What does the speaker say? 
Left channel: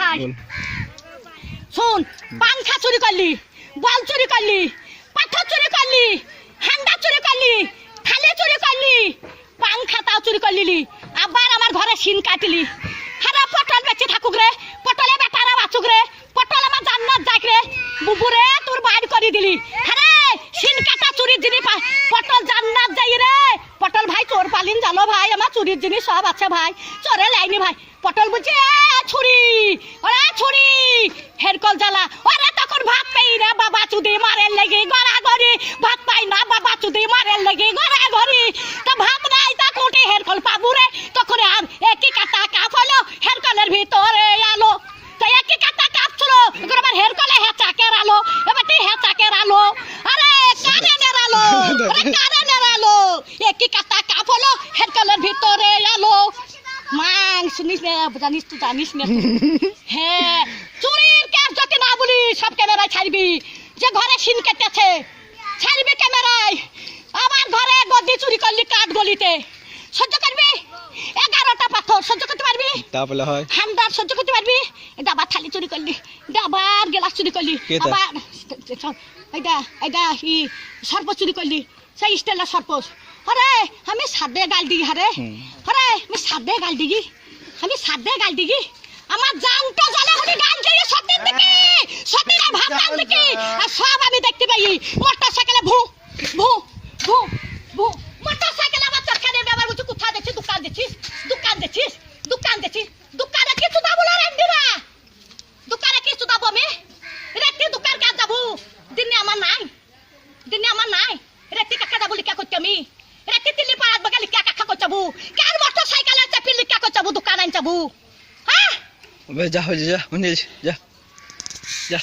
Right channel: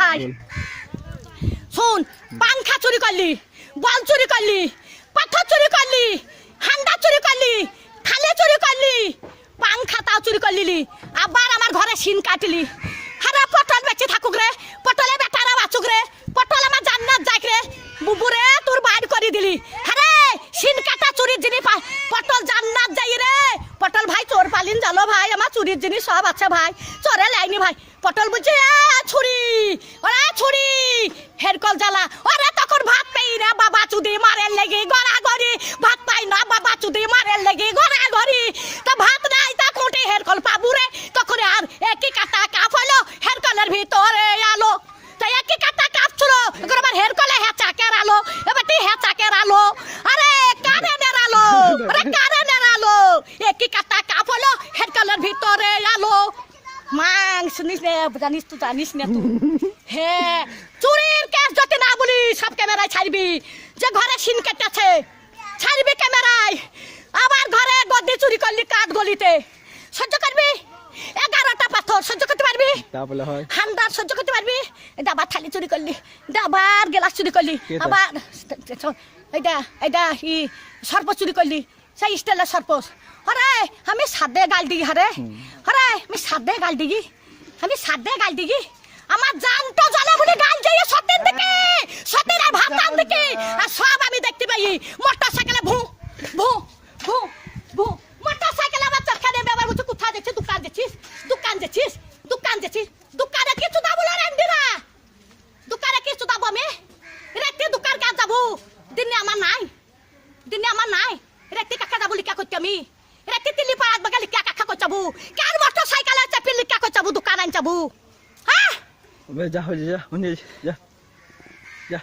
ভাই শুন, পাংখা চুরি করলি, বল চুরি করলি, পাথর চুরি করলি, হান্ডা চুরি করলি, থালে চুরি করলি, পাংখা তাও চুরি করলি, আবার আমার ঘরে শিন কাটলি। হারা পটল বেঁচে থাকুক রে, পটলে বেটারা বাঁচুক রে, পটল আমার জান্নাত যাক রে, বুবুরে তোর বাইর করে দিলি। হ্যাঁ শিন কাটা চুরির জিনিস পটল জান্নাত যাই রে। পটল ভাই চোর পালিন জানো ভাই, আমার চুরির জিনিস সব আছে ভাই, চোরে লাইনি ভাই। পটল বলছি ছুরি, ওরা ছুরি হেরকল জ্বালা, ওরা তখন ভাত পাই না বাবা চুদি মারের লেগে গড়াগড়ি, ভাত পাই না বাবা চুদি মারের লেগে গড়াগড়ি, তো ভাত নাই তা কোটে হেরকল পাবু রে। তখন আর একই কাটা কাপ হলো হেরকলের ভিতরে আলো, তাই একই কাটা কাপ ছিল এখন আবার হেরকলে হেঁচাকের আলো, এবার হেঁচাকের আলো, আরে কারেন্টের আলো, আরে কারেন্টের আলো, একই কাটা কাপ হলো হেরকলের ভিতরে আলো। মাং শুনিস না, জানিস তুই জানিস না। হ্যাঁ চুরির কেস যদি না বলি সব ক্যামেরায় ছাড়বি, যে ঘরে সিন কেটেছে ছাড়বি ক্যামেরায়। আমার ঘরে গদি চুরি করলি কাঠ গলিতে, সহ্য করবি? 11টা পাথর সহ্য করতে পারবি? তাহলে হয় হান্ডার সহ্য করতে পারবি? ডাবার থালি চুরি করলি, ডাবার গ্লাস চুরি করলি, আবার এইটা ই সর্প চুরি করলি, সেই স্টাইলের সর্প। আরে আমি সাদে গাল দিগি, হারে আরে আমি সাদে গাল দিগি, আমি সাদে গাল দিগি, আমার জানটা জানে বলে গাল দিয়ে সত্যের দিকে, সত্যের ভাত গাল দিকে, আর সব আমি দেখতে পাই। মোটর সাইকেলে ভু ভু ভু ভু, মোটর সাইকেলে আমার চাকা দিয়ে ব্যবহার করছি। কোথায় দেখছিস? দোকান দেখছিস, দোকান দেখছিস, দোকান দেখছিস, দোকানে কিছু দাবো না রেন্ডিরা, দোকানে কিছু দাবো আমি রেখে দোকান কাজ যাবো। দিনে আমার নাই, দিনে আমার নাই, রেখে কাকা যাবো লিখা করতে আমি, রেখে তিল্লি পাড়াত বাগা লিখা কাকা করতে যাবো, কার মোটর সাইকেলে চাপি লিখা করতে যাবো, দোকান আন যাবো। হ্যাঁ যা যা যা যা।